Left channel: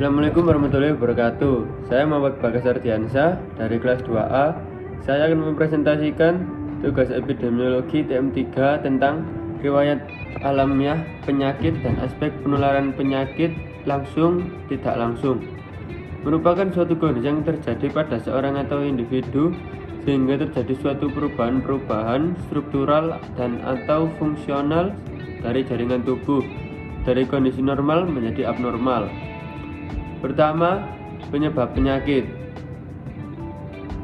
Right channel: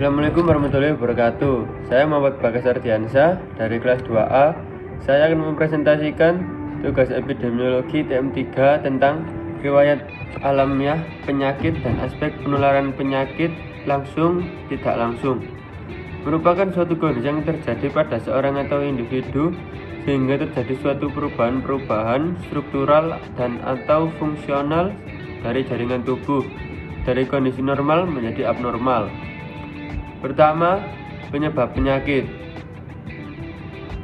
Assalamualaikum warahmatullahi wabarakatuh. Saya Muhammad Bagas Ardiansyah dari kelas 2A. Saya akan mempresentasikan tugas epidemiologi TM3 tentang riwayat alamiah penyakit dan aspek penularan penyakit langsung tidak langsung. Merupakan suatu kondisi yang terjadi pada seorang atau individu sehingga terjadi suatu perubahan struktural dan atau fungsional dari jaringan tubuh dari kondisi normal menjadi abnormal. Pertama, penyebab penyakit.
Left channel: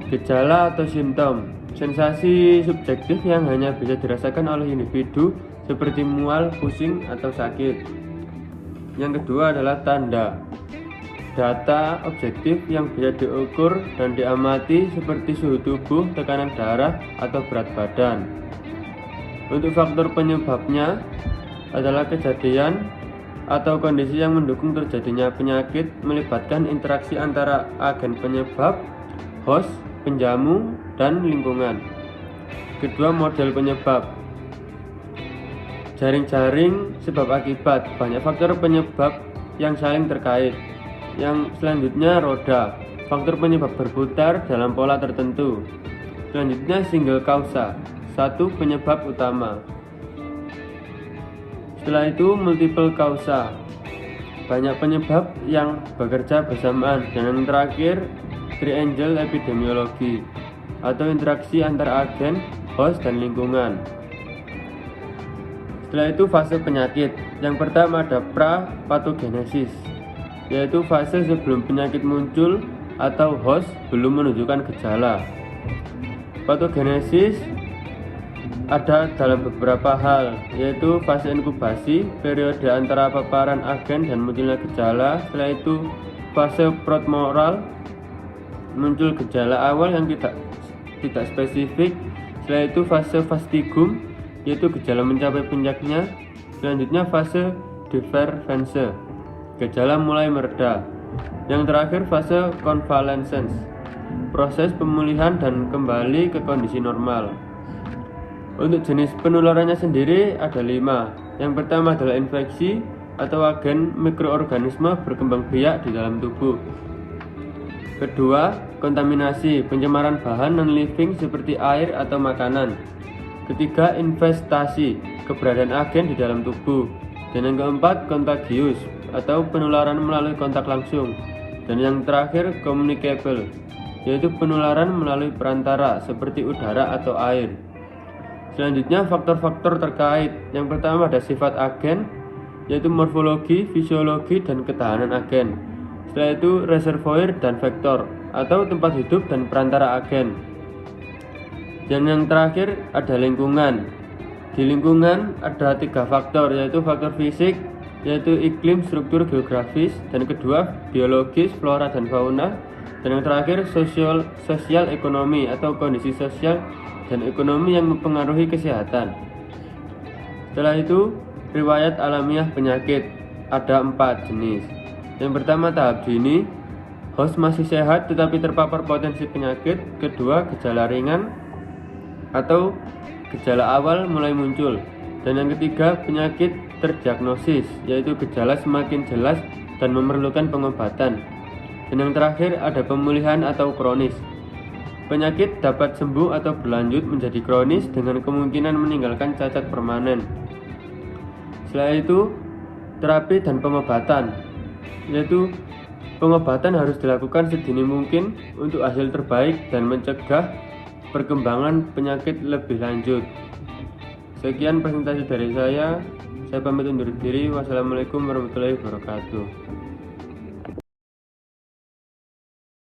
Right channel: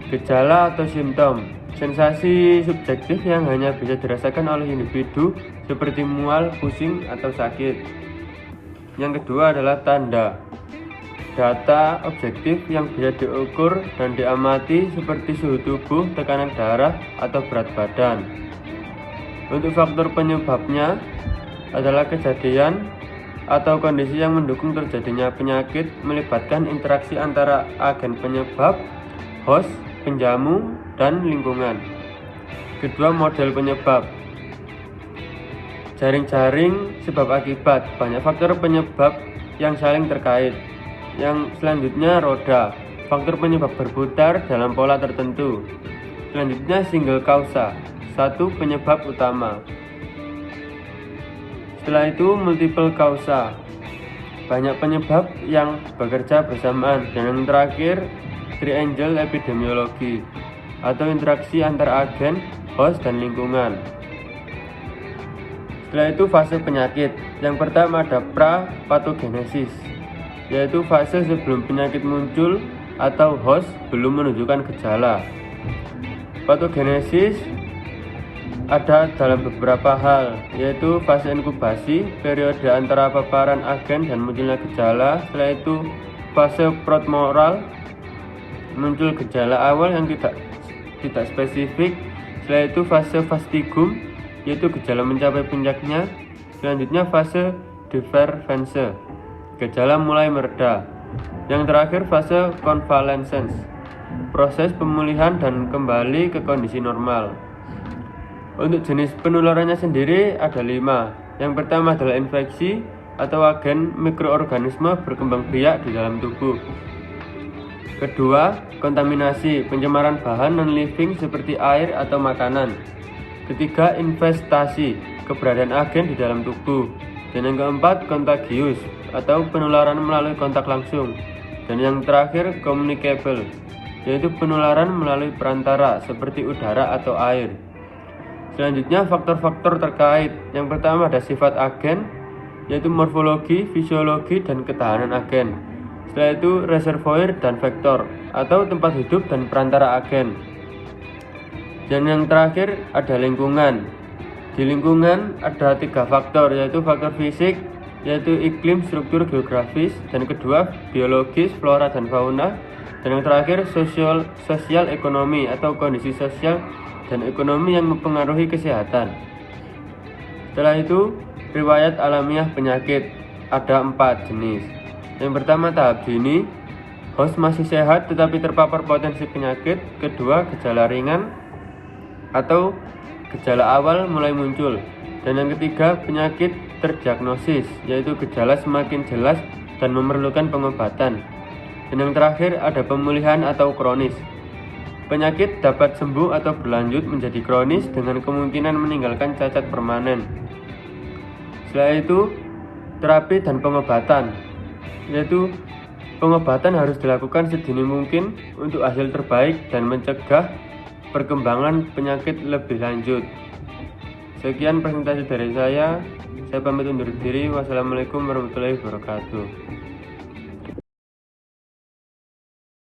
Gejala atau simptom, sensasi subjektif yang hanya bisa dirasakan oleh individu seperti mual, pusing, atau sakit. Yang kedua adalah tanda, data objektif yang bisa diukur dan diamati seperti suhu tubuh, tekanan darah, atau berat badan. Untuk faktor penyebabnya adalah kejadian atau kondisi yang mendukung terjadinya penyakit melibatkan interaksi antara agen penyebab, host, penjamu, dan lingkungan. Kedua, model penyebab. Jaring-jaring sebab akibat, banyak faktor penyebab yang saling terkait. Yang selanjutnya roda, faktor penyebab berputar dalam pola tertentu. Selanjutnya single causa, satu penyebab utama. Setelah itu multiple causa, banyak penyebab yang bekerja bersamaan. Dan yang terakhir triangle epidemiologi atau interaksi antar agen, host, dan lingkungan. Setelah itu fase penyakit. Yang pertama ada pra-patogenesis, yaitu fase sebelum penyakit muncul atau host belum menunjukkan gejala. Patogenesis ada dalam beberapa hal, yaitu fase inkubasi, periode antara paparan agen dan munculnya gejala. Setelah itu fase prodromal, muncul gejala awal yang tidak spesifik. Setelah itu fase fastigum, yaitu gejala mencapai puncaknya. Selanjutnya fase divergence, gejala mulai mereda. Yang terakhir fase convalescence, proses pemulihan dan kembali ke kondisi normal. Untuk jenis penularannya sendiri ada 5. Yang pertama adalah infeksi atau agen mikroorganisme berkembang biak di dalam tubuh. Kedua, kontaminasi, pencemaran bahan non-living seperti air atau makanan. Ketiga, investasi, keberadaan agen di dalam tubuh. Dan yang keempat, contagious atau penularan melalui kontak langsung. Dan yang terakhir, communicable, yaitu penularan melalui perantara seperti udara atau air. Selanjutnya faktor-faktor terkait. Yang pertama ada sifat agen, yaitu morfologi, fisiologi, dan ketahanan agen. Setelah itu reservoir dan vektor atau tempat hidup dan perantara agen. Dan yang terakhir ada lingkungan. Di lingkungan ada 3 faktor, yaitu faktor fisik, yaitu iklim, struktur geografis, dan kedua biologis, flora dan fauna. Dan yang terakhir sosial ekonomi atau kondisi sosial dan ekonomi yang mempengaruhi kesehatan. Setelah itu riwayat alamiah penyakit ada 4 jenis. Yang pertama tahap dini, host masih sehat tetapi terpapar potensi penyakit. Kedua gejala ringan atau gejala awal mulai muncul. Dan yang ketiga penyakit terdiagnosis, yaitu gejala semakin jelas dan memerlukan pengobatan. Dan yang terakhir ada pemulihan atau kronis. Penyakit dapat sembuh atau berlanjut menjadi kronis dengan kemungkinan meninggalkan cacat permanen. Setelah itu, terapi dan pengobatan, yaitu pengobatan harus dilakukan sedini mungkin untuk hasil terbaik dan mencegah perkembangan penyakit lebih lanjut. Sekian presentasi dari saya pamit undur diri. Wassalamualaikum warahmatullahi wabarakatuh.